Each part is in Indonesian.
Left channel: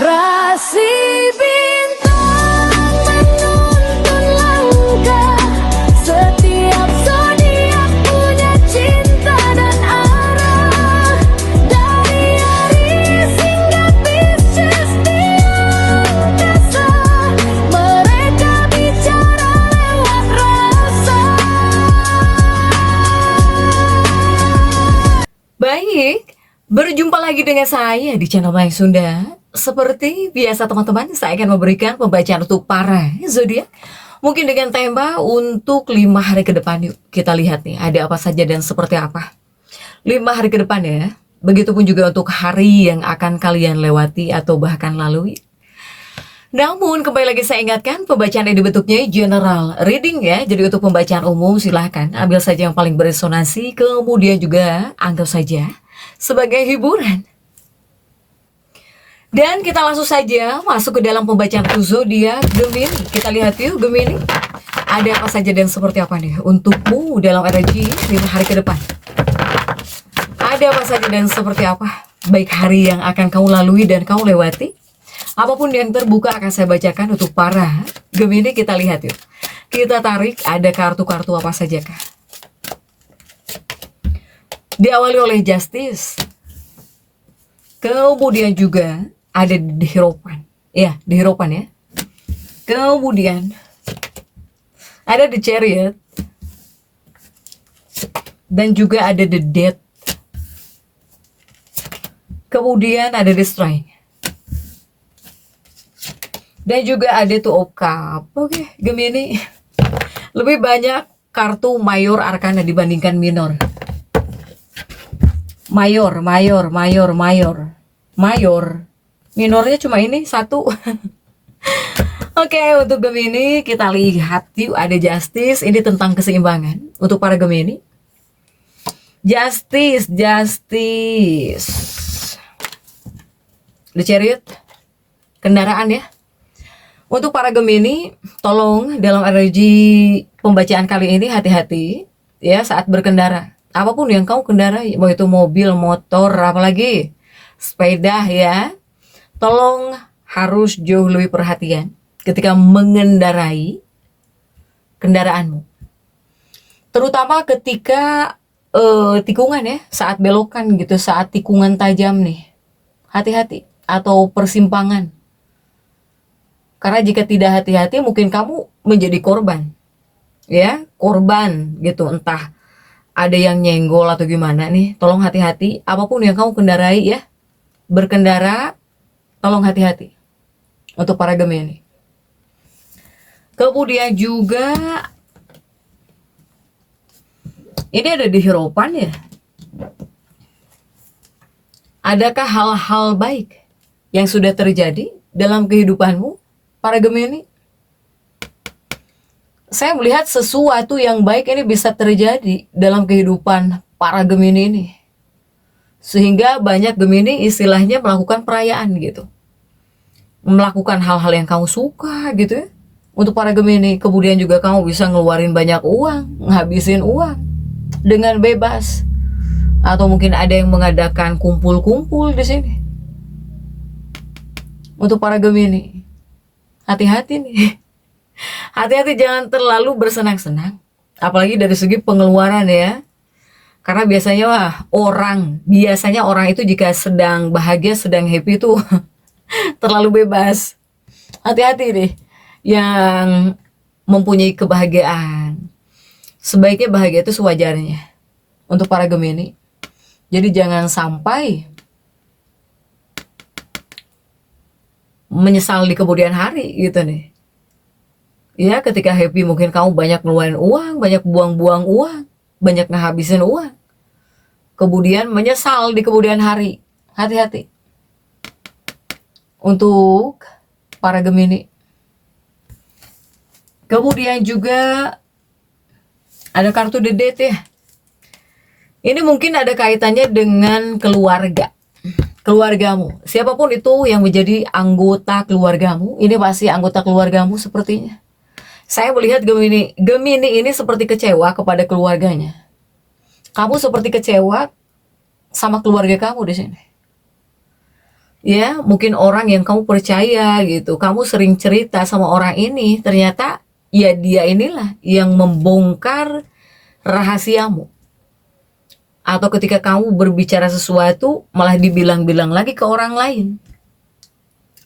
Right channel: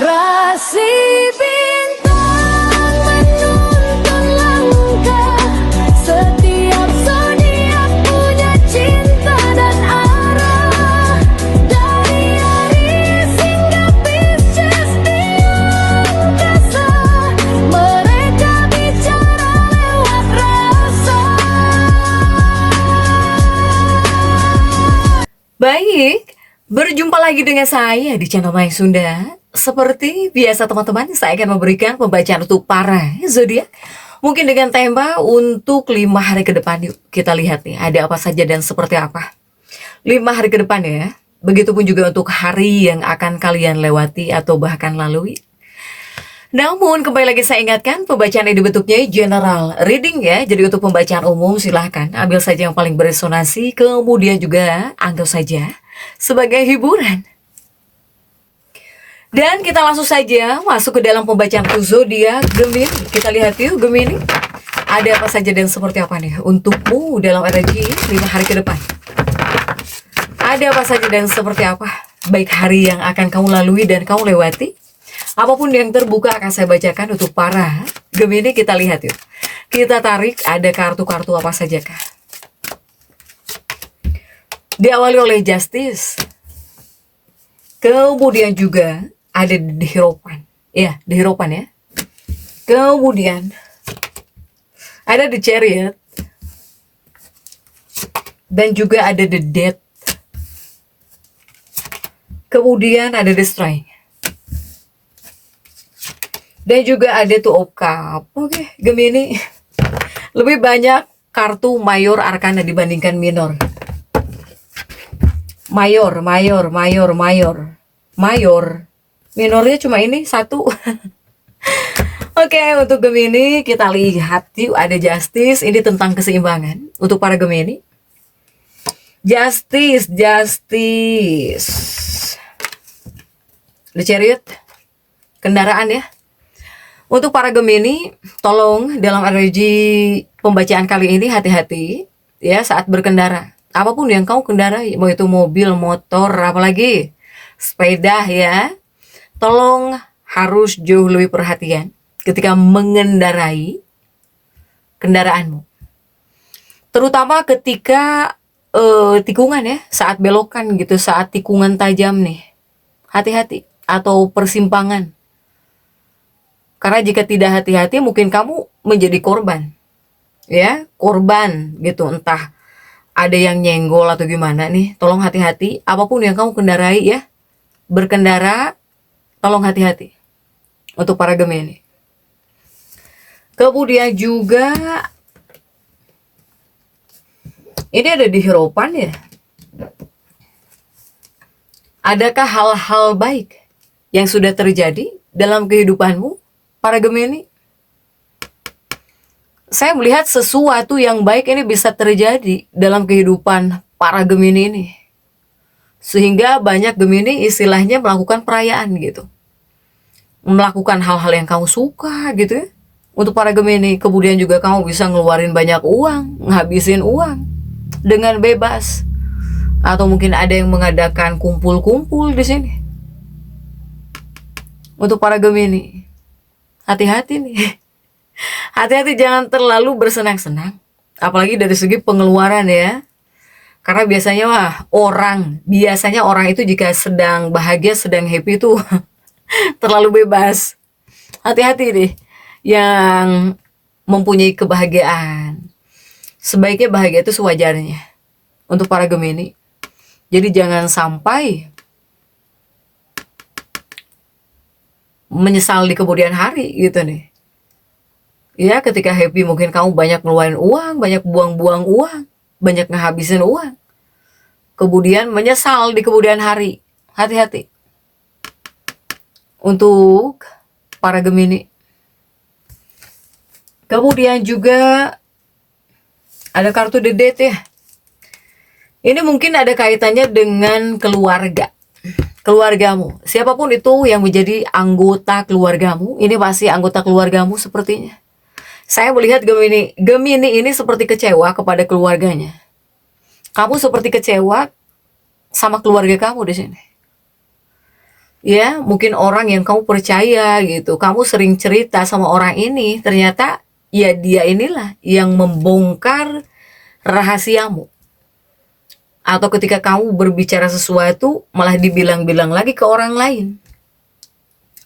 Rasi bintang menuntun langkah, setiap zodiak punya cinta dan arah. Dari Aries hingga Pisces di angkasa, mereka bicara lewat rasa. Baik, berjumpa lagi dengan saya di channel Mayang Sunda. Seperti biasa teman-teman, saya akan memberikan pembacaan untuk para zodiak. Mungkin dengan tema untuk 5 hari ke depan. Yuk kita lihat nih, ada apa saja dan seperti apa 5 hari ke depan ya. Begitupun juga untuk hari yang akan kalian lewati atau bahkan lalui. Namun kembali lagi saya ingatkan, pembacaan ini bentuknya general reading ya. Jadi untuk pembacaan umum silahkan ambil saja yang paling beresonansi, kemudian juga anggap saja sebagai hiburan. Dan kita langsung saja masuk ke dalam pembacaan zodiak Gemini. Kita lihat yuk Gemini, ada apa saja dan seperti apa nih untukmu dalam energi 5 hari ke depan. Ada apa saja dan seperti apa baik hari yang akan kamu lalui dan kamu lewati. Apapun yang terbuka akan saya bacakan untuk para Gemini. Kita lihat yuk. Kita tarik ada kartu-kartu apa saja kah. Diawali oleh Justice. Kemudian juga ada di Hierophant. Ya, di Hierophant ya. Kemudian ada di Chariot. Dan juga ada the Death. Kemudian ada the Strength. Dan juga ada Two of Cups. Oke, Gemini. Lebih banyak kartu mayor arkana dibandingkan minor. Mayor. Minornya cuma ini satu. Oke, untuk Gemini kita lihat yuk ada Justice. Ini tentang keseimbangan untuk para Gemini. Justice. The Chariot. Kendaraan ya. Untuk para Gemini, tolong dalam energi pembacaan kali ini hati-hati ya saat berkendara. Apapun yang kamu kendarai, mau itu mobil, motor, apalagi sepeda ya, tolong harus jauh lebih perhatian ketika mengendarai kendaraanmu. Terutama ketika tikungan ya, saat belokan gitu, saat tikungan tajam nih. Hati-hati, atau persimpangan. Karena jika tidak hati-hati mungkin kamu menjadi korban. Ya, korban gitu, entah ada yang nyenggol atau gimana nih. Tolong hati-hati, apapun yang kamu kendarai ya. Berkendara, tolong hati-hati untuk para Gemini. Kemudian juga ini ada di Hierophant ya. Adakah hal-hal baik yang sudah terjadi dalam kehidupanmu, para Gemini? Saya melihat sesuatu yang baik ini bisa terjadi dalam kehidupan para Gemini ini. Sehingga banyak Gemini istilahnya melakukan perayaan gitu. Melakukan hal-hal yang kamu suka gitu ya. Untuk para Gemini, kemudian juga kamu bisa ngeluarin banyak uang, ngabisin uang dengan bebas. Atau mungkin ada yang mengadakan kumpul-kumpul di sini. Untuk para Gemini, hati-hati nih. Hati-hati jangan terlalu bersenang-senang. Apalagi dari segi pengeluaran ya. Karena biasanya orang itu jika sedang bahagia, sedang happy itu terlalu bebas. Hati-hati deh yang mempunyai kebahagiaan. Sebaiknya bahagia itu sewajarnya untuk para Gemini. Jadi jangan sampai menyesal di kemudian hari gitu nih. Ya, ketika happy mungkin kamu banyak ngeluarin uang, banyak buang-buang uang, banyak ngehabisin uang. Kemudian menyesal di kemudian hari. Hati-hati. Untuk para Gemini. Kemudian juga ada kartu The Death ya. Ini mungkin ada kaitannya dengan keluarga. Keluargamu. Siapapun itu yang menjadi anggota keluargamu, ini pasti anggota keluargamu sepertinya. Saya melihat Gemini ini seperti kecewa kepada keluarganya. Kamu seperti kecewa sama keluarga kamu di sini. Ya, mungkin orang yang kamu percaya gitu, kamu sering cerita sama orang ini, ternyata ya dia inilah yang membongkar rahasiamu. Atau ketika kamu berbicara sesuatu malah dibilang-bilang lagi ke orang lain.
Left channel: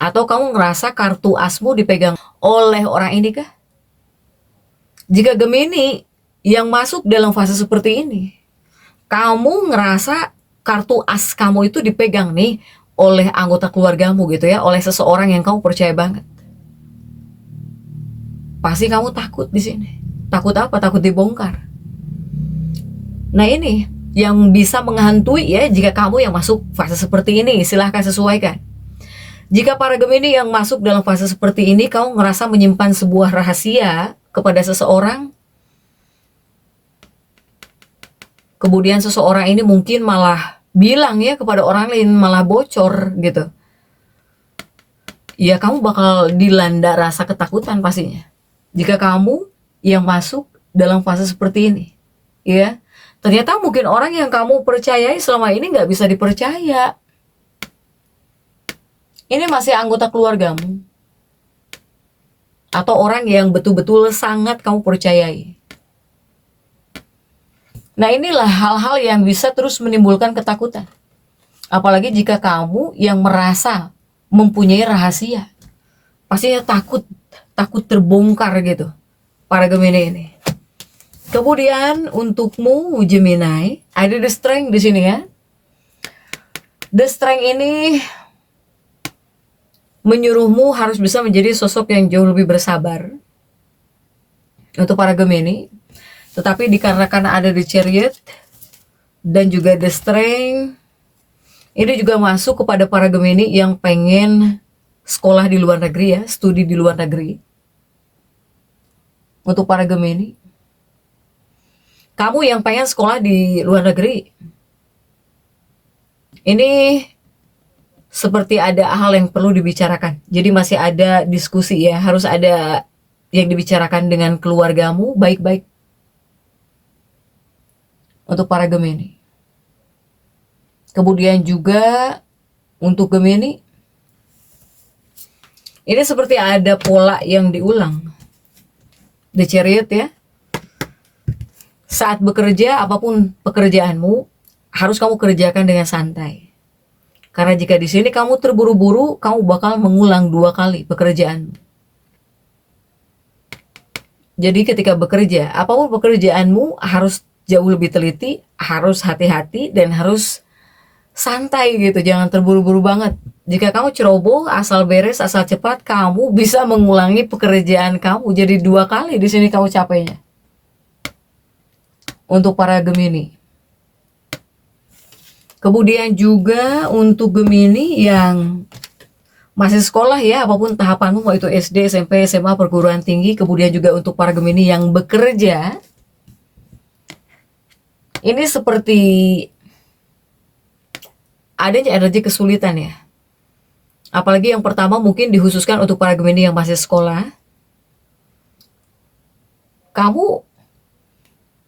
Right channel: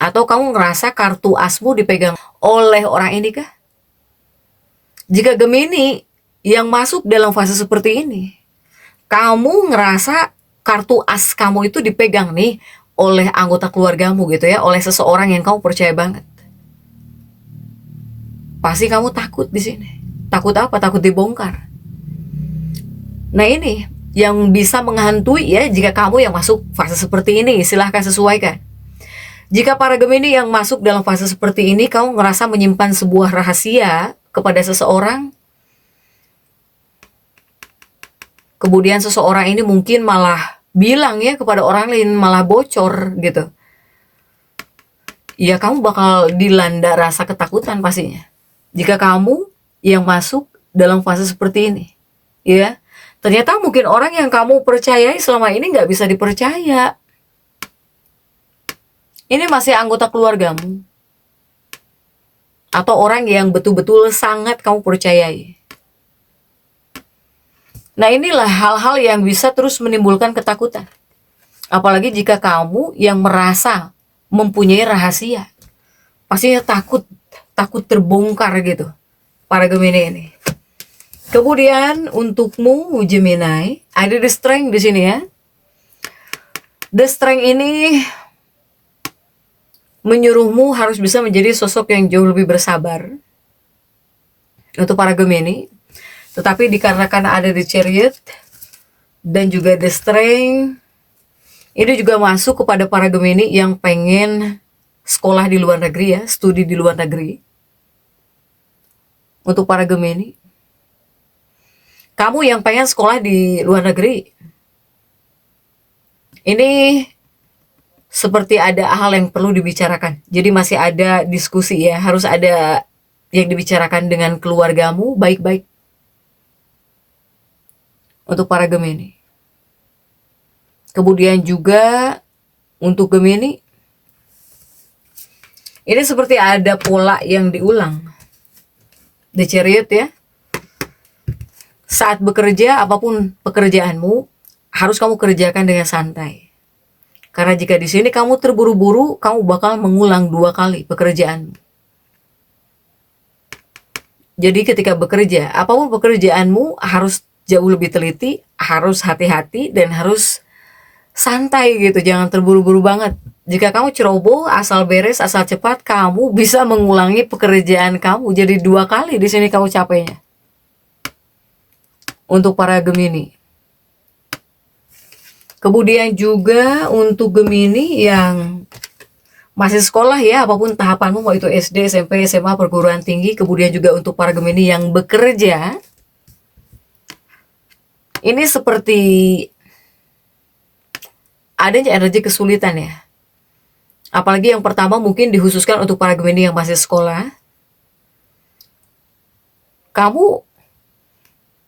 Atau kamu ngerasa kartu asmu dipegang oleh orang ini kah? Jika Gemini yang masuk dalam fase seperti ini, kamu ngerasa kartu as kamu itu dipegang nih oleh anggota keluargamu gitu ya, oleh seseorang yang kamu percaya banget. Pasti kamu takut di sini. Takut apa? Takut dibongkar. Nah ini yang bisa menghantui ya jika kamu yang masuk fase seperti ini, silahkan sesuaikan. Jika para Gemini yang masuk dalam fase seperti ini, kamu merasa menyimpan sebuah rahasia kepada seseorang, kemudian seseorang ini mungkin malah bilang ya kepada orang lain, malah bocor gitu. Ya kamu bakal dilanda rasa ketakutan pastinya. Jika kamu yang masuk dalam fase seperti ini, ya. Ternyata mungkin orang yang kamu percayai selama ini nggak bisa dipercaya. Ini masih anggota keluargamu. Atau orang yang betul-betul sangat kamu percayai. Nah inilah hal-hal yang bisa terus menimbulkan ketakutan. Apalagi jika kamu yang merasa mempunyai rahasia. Pastinya takut terbongkar gitu. Para Gemini ini. Kemudian untukmu Gemini, ada the strength di sini ya. The strength ini menyuruhmu harus bisa menjadi sosok yang jauh lebih bersabar untuk para Gemini. Tetapi dikarenakan ada the chariot dan juga the strength, ini juga masuk kepada para Gemini yang pengen sekolah di luar negeri ya, studi di luar negeri. Untuk para Gemini, kamu yang pengen sekolah di luar negeri, ini seperti ada hal yang perlu dibicarakan. Jadi masih ada diskusi ya, harus ada yang dibicarakan dengan keluargamu baik-baik. Untuk para Gemini. Kemudian juga untuk Gemini, ini seperti ada pola yang diulang. The Chariot ya. Saat bekerja, apapun pekerjaanmu, harus kamu kerjakan dengan santai. Karena jika di sini kamu terburu-buru, kamu bakal mengulang 2 kali pekerjaanmu. Jadi ketika bekerja, apapun pekerjaanmu harus jauh lebih teliti, harus hati-hati, dan harus santai gitu, jangan terburu-buru banget. Jika kamu ceroboh, asal beres, asal cepat, kamu bisa mengulangi pekerjaan kamu. Jadi 2 kali di sini kamu capeknya. Untuk para Gemini. Kemudian juga untuk Gemini yang masih sekolah ya, apapun tahapanmu, mau itu SD, SMP, SMA, perguruan tinggi. Kemudian juga untuk para Gemini yang bekerja, ini seperti adanya energi kesulitan ya. Apalagi yang pertama mungkin dikhususkan untuk para Gemini yang masih sekolah. Kamu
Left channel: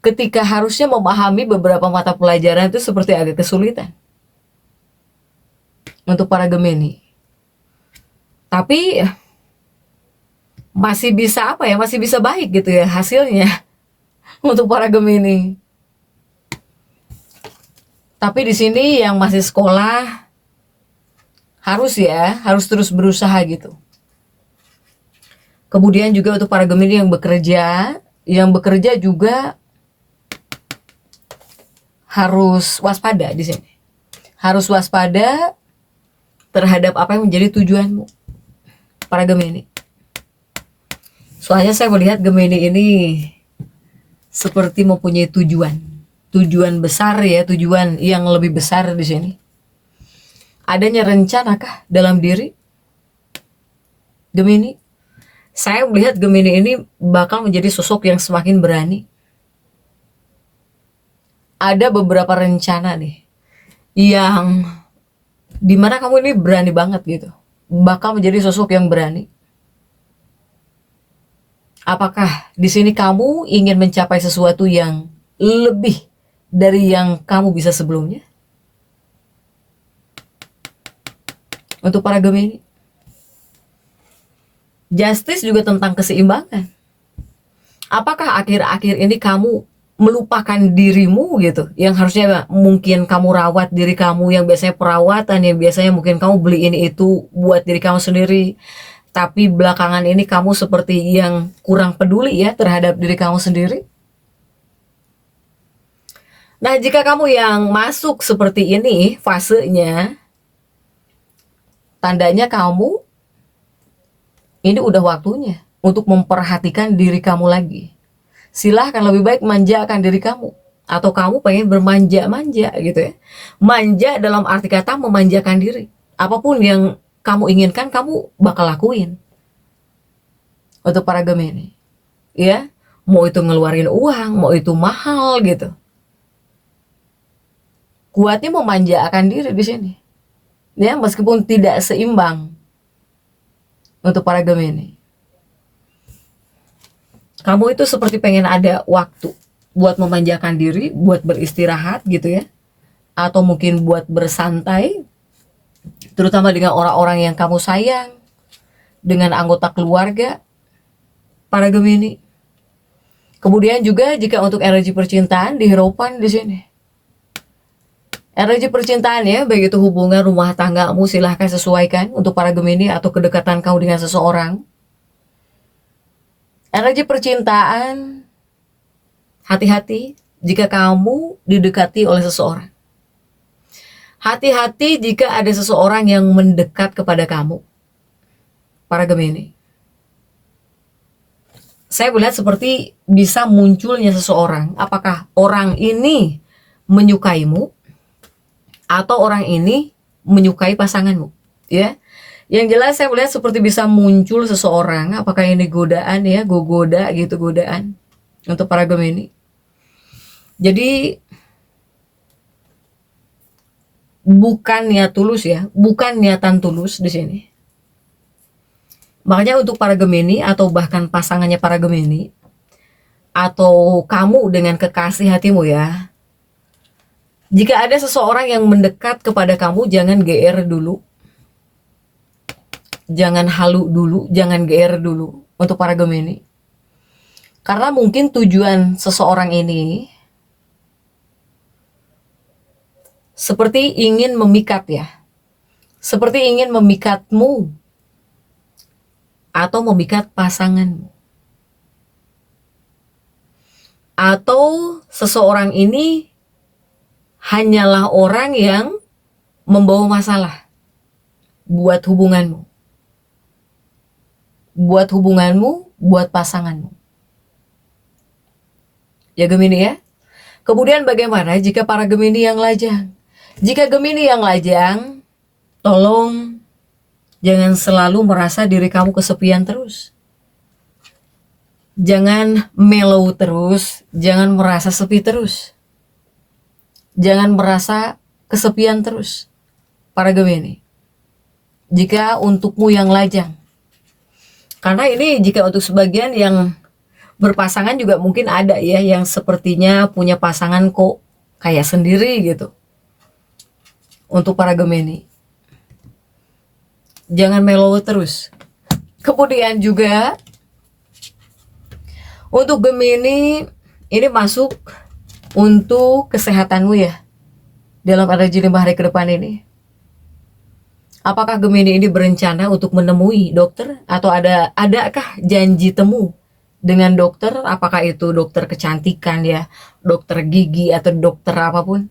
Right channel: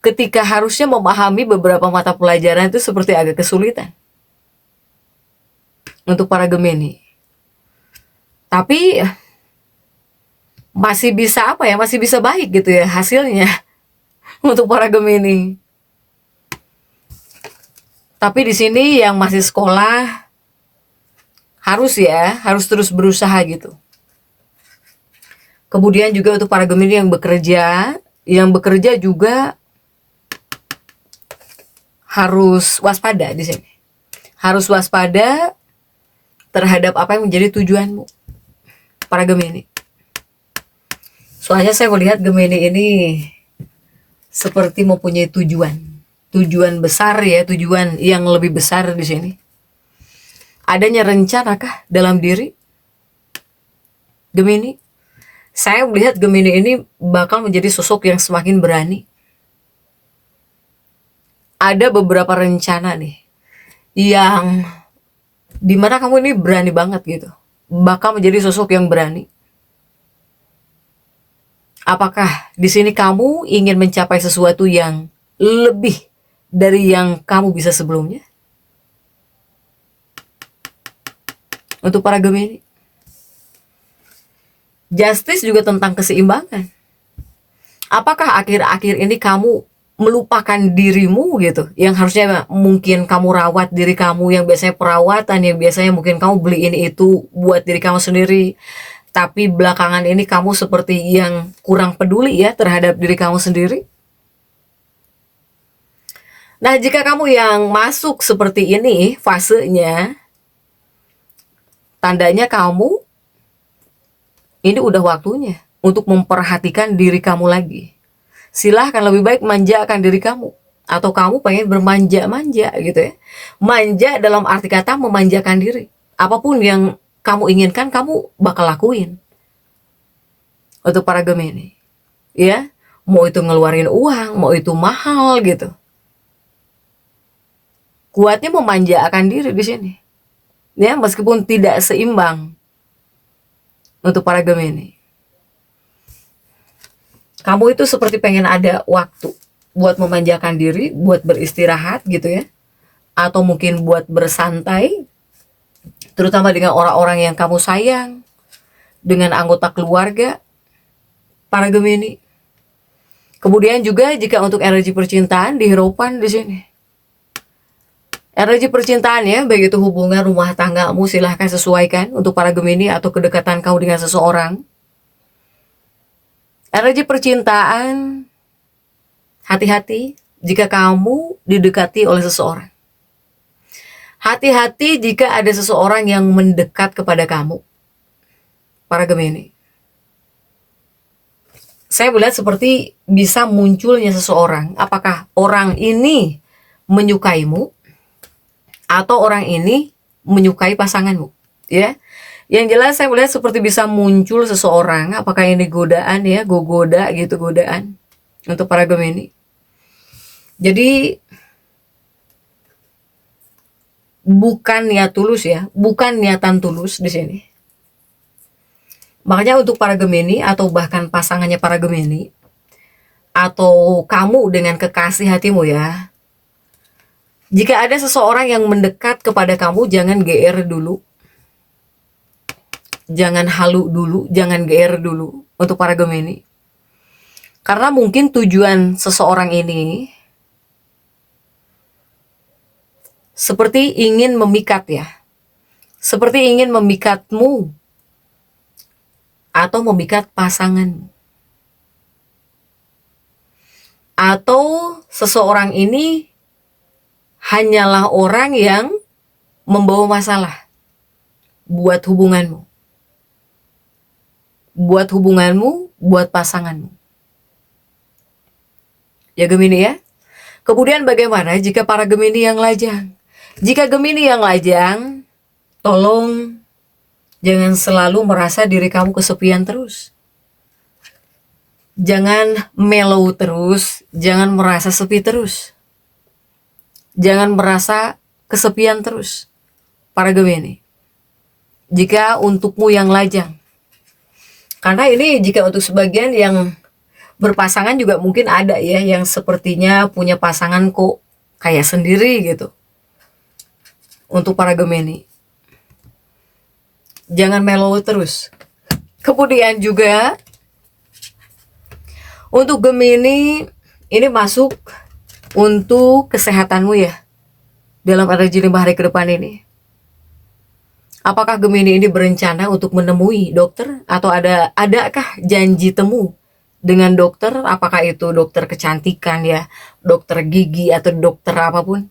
ketika harusnya memahami beberapa mata pelajaran itu seperti agak kesulitan. Untuk para Gemini. Tapi masih bisa apa ya, masih bisa baik gitu ya hasilnya. Untuk para Gemini. Tapi di sini yang masih sekolah harus terus berusaha gitu. Kemudian juga untuk para Gemini yang bekerja juga harus waspada di sini. Harus waspada terhadap apa yang menjadi tujuanmu, para Gemini. Soalnya saya melihat Gemini ini seperti mempunyai tujuan besar ya, tujuan yang lebih besar di sini. Adanya rencanakah dalam diri Gemini? Saya melihat Gemini ini bakal menjadi sosok yang semakin berani. Ada beberapa rencana nih yang dimana kamu ini berani banget gitu, bakal menjadi sosok yang berani. Apakah di sini kamu ingin mencapai sesuatu yang lebih dari yang kamu bisa sebelumnya? Untuk para Gemini, justice juga tentang keseimbangan. Apakah akhir-akhir ini kamu melupakan dirimu gitu, yang harusnya mungkin kamu rawat diri kamu, yang biasanya perawatan, yang biasanya mungkin kamu beli ini itu buat diri kamu sendiri, tapi belakangan ini kamu seperti yang kurang peduli ya terhadap diri kamu sendiri. Nah, jika kamu yang masuk seperti ini fasenya, tandanya kamu ini udah waktunya untuk memperhatikan diri kamu lagi. Silahkan lebih baik manjakan diri kamu. Atau kamu pengen bermanja-manja gitu ya. Manja dalam arti kata memanjakan diri. Apapun yang kamu inginkan, kamu bakal lakuin. Untuk para Gemini. Ya, mau itu ngeluarin uang, mau itu mahal gitu. Kuatnya memanjakan diri di sini. Ya, meskipun tidak seimbang. Untuk para Gemini. Kamu itu seperti pengen ada waktu buat memanjakan diri, buat beristirahat gitu ya. Atau mungkin buat bersantai, terutama dengan orang-orang yang kamu sayang, dengan anggota keluarga, para Gemini. Kemudian juga jika untuk energi percintaan di Hierophant di sini. Energi percintaan ya, baik itu hubungan rumah tanggamu, silahkan sesuaikan untuk para Gemini atau kedekatan kamu dengan seseorang. Energi percintaan, hati-hati jika kamu didekati oleh seseorang. Hati-hati jika ada seseorang yang mendekat kepada kamu, para Gemini. Saya melihat seperti bisa munculnya seseorang. Apakah orang ini menyukaimu atau orang ini menyukai pasanganmu? Ya. Yang jelas saya melihat seperti bisa muncul seseorang, apakah ini godaan ya, goda gitu, godaan untuk para Gemini. Jadi bukan niat tulus ya, bukan niatan tulus di sini. Makanya untuk para Gemini atau bahkan pasangannya para Gemini atau kamu dengan kekasih hatimu ya. Jika ada seseorang yang mendekat kepada kamu, jangan GR dulu. Jangan halu dulu, jangan GR dulu untuk para Gemini. Karena mungkin tujuan seseorang ini seperti ingin memikat ya. Seperti ingin memikatmu atau memikat pasanganmu. Atau seseorang ini hanyalah orang yang membawa masalah buat hubunganmu. Buat hubunganmu, buat pasanganmu. Ya Gemini ya. Kemudian bagaimana jika para Gemini yang lajang? Jika Gemini yang lajang, tolong jangan selalu merasa diri kamu kesepian terus. Jangan mellow terus, jangan merasa sepi terus. Jangan merasa kesepian terus, para Gemini. Jika untukmu yang lajang. Karena ini jika untuk sebagian yang berpasangan juga mungkin ada ya yang sepertinya punya pasangan kok kayak sendiri gitu. Untuk para Gemini. Jangan mellow terus. Kemudian juga untuk Gemini ini masuk untuk kesehatanmu ya. Dalam energi 5 hari ke depan ini. Apakah Gemini ini berencana untuk menemui dokter atau adakah janji temu dengan dokter? Apakah itu dokter kecantikan ya, dokter gigi atau dokter apapun?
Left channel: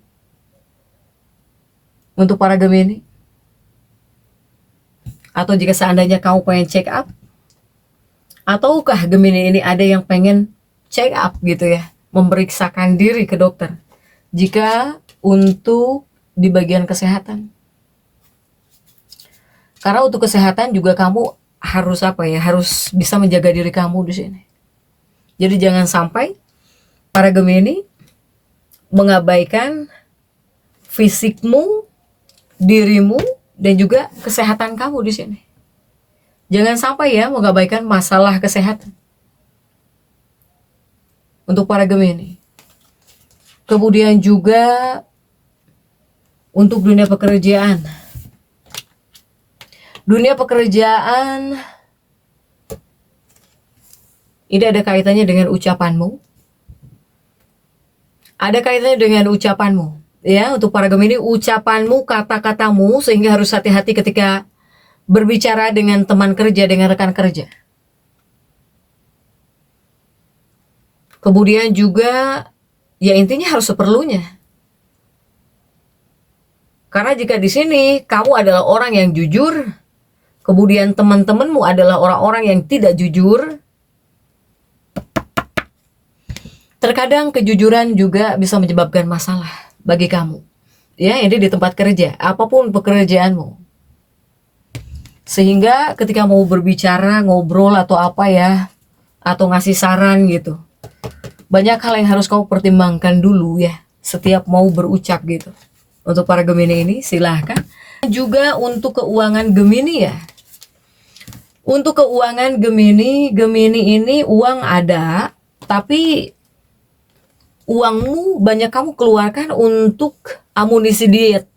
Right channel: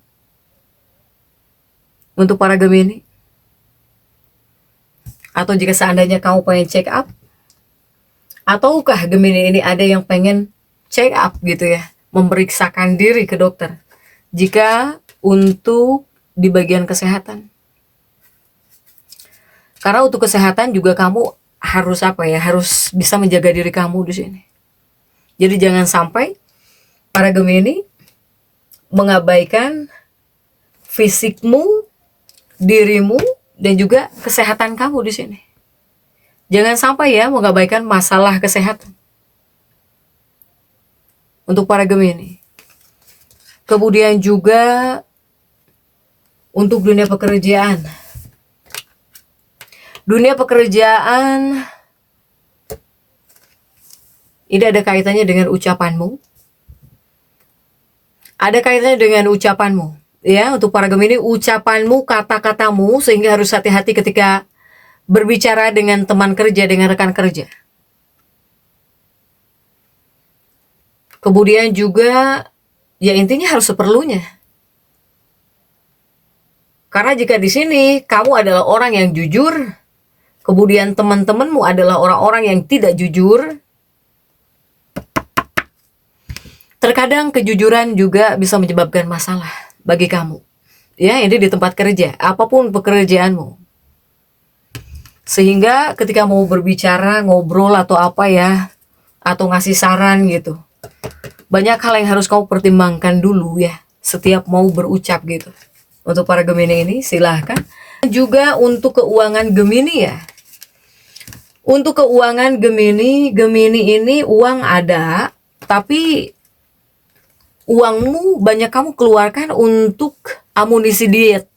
Untuk para Gemini. Atau jika seandainya kamu pengen check up, ataukah Gemini ini ada yang pengen check up gitu ya, memeriksakan diri ke dokter? Jika untuk di bagian kesehatan. Karena untuk kesehatan juga kamu harus apa ya? Harus bisa menjaga diri kamu di sini. Jadi jangan sampai para Gemini mengabaikan fisikmu, dirimu, dan juga kesehatan kamu di sini. Jangan sampai ya mengabaikan masalah kesehatan. Untuk para Gemini. Kemudian juga untuk dunia pekerjaan. Dunia pekerjaan, ini ada kaitannya dengan ucapanmu. Ada kaitannya dengan ucapanmu. Ya, untuk para Gemini, ucapanmu, kata-katamu, sehingga harus hati-hati ketika berbicara dengan teman kerja, dengan rekan kerja. Kemudian juga, ya intinya harus seperlunya. Karena jika di sini kamu adalah orang yang jujur, kemudian teman-temanmu adalah orang-orang yang tidak jujur, terkadang kejujuran juga bisa menyebabkan masalah bagi kamu. Ya, ini di tempat kerja, apapun pekerjaanmu. Sehingga ketika mau berbicara, ngobrol atau apa ya, atau ngasih saran gitu, banyak hal yang harus kamu pertimbangkan dulu ya, setiap mau berucap gitu. Untuk para Gemini ini, silahkan. Juga untuk keuangan Gemini ya. Untuk keuangan Gemini, Gemini ini uang ada, tapi uangmu banyak kamu keluarkan untuk amunisi diet.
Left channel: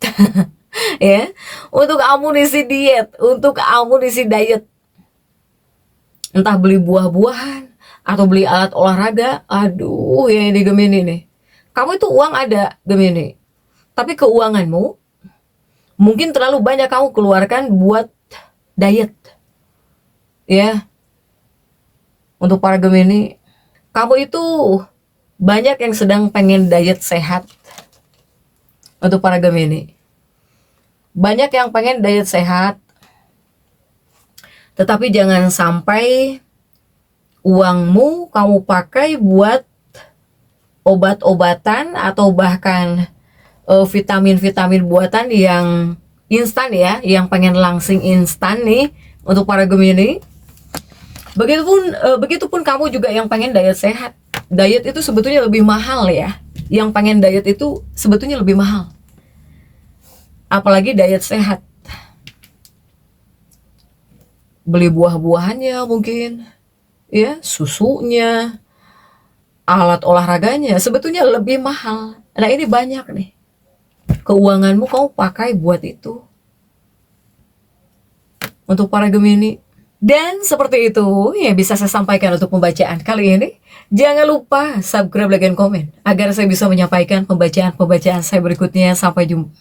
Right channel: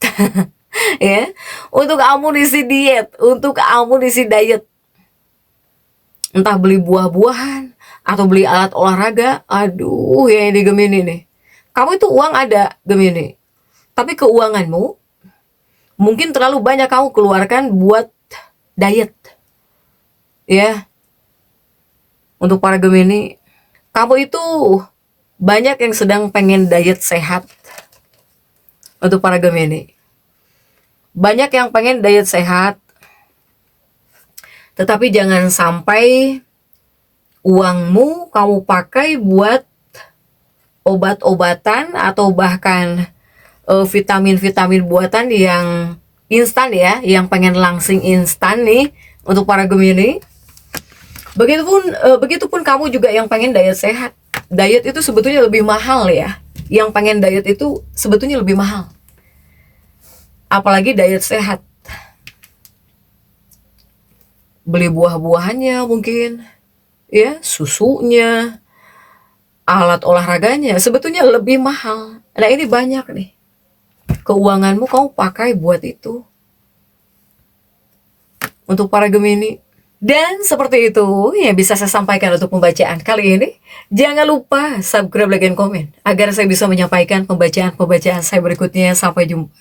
Ya, untuk amunisi diet, untuk amunisi diet. Entah beli buah-buahan atau beli alat olahraga. Aduh, ya di Gemini nih. Kamu itu uang ada, Gemini. Tapi keuanganmu mungkin terlalu banyak kamu keluarkan buat diet. Ya. Untuk para Gemini, kamu itu banyak yang sedang pengen diet sehat. Untuk para Gemini, banyak yang pengen diet sehat, tetapi jangan sampai uangmu kamu pakai buat obat-obatan atau bahkan vitamin-vitamin buatan yang instan ya, yang pengen langsing instan nih. Untuk para Gemini, begitupun kamu juga yang pengen diet sehat. Diet itu sebetulnya lebih mahal ya. Yang pengen diet itu sebetulnya lebih mahal. Apalagi diet sehat. Beli buah-buahannya mungkin, ya, susunya, alat olahraganya sebetulnya lebih mahal. Nah ini banyak nih. Keuanganmu kamu pakai buat itu. Untuk para Gemini. Dan seperti itu yang bisa saya sampaikan untuk pembacaan kali ini. Jangan lupa subscribe, like, dan komen agar saya bisa menyampaikan pembacaan-pembacaan saya berikutnya. Sampai jumpa.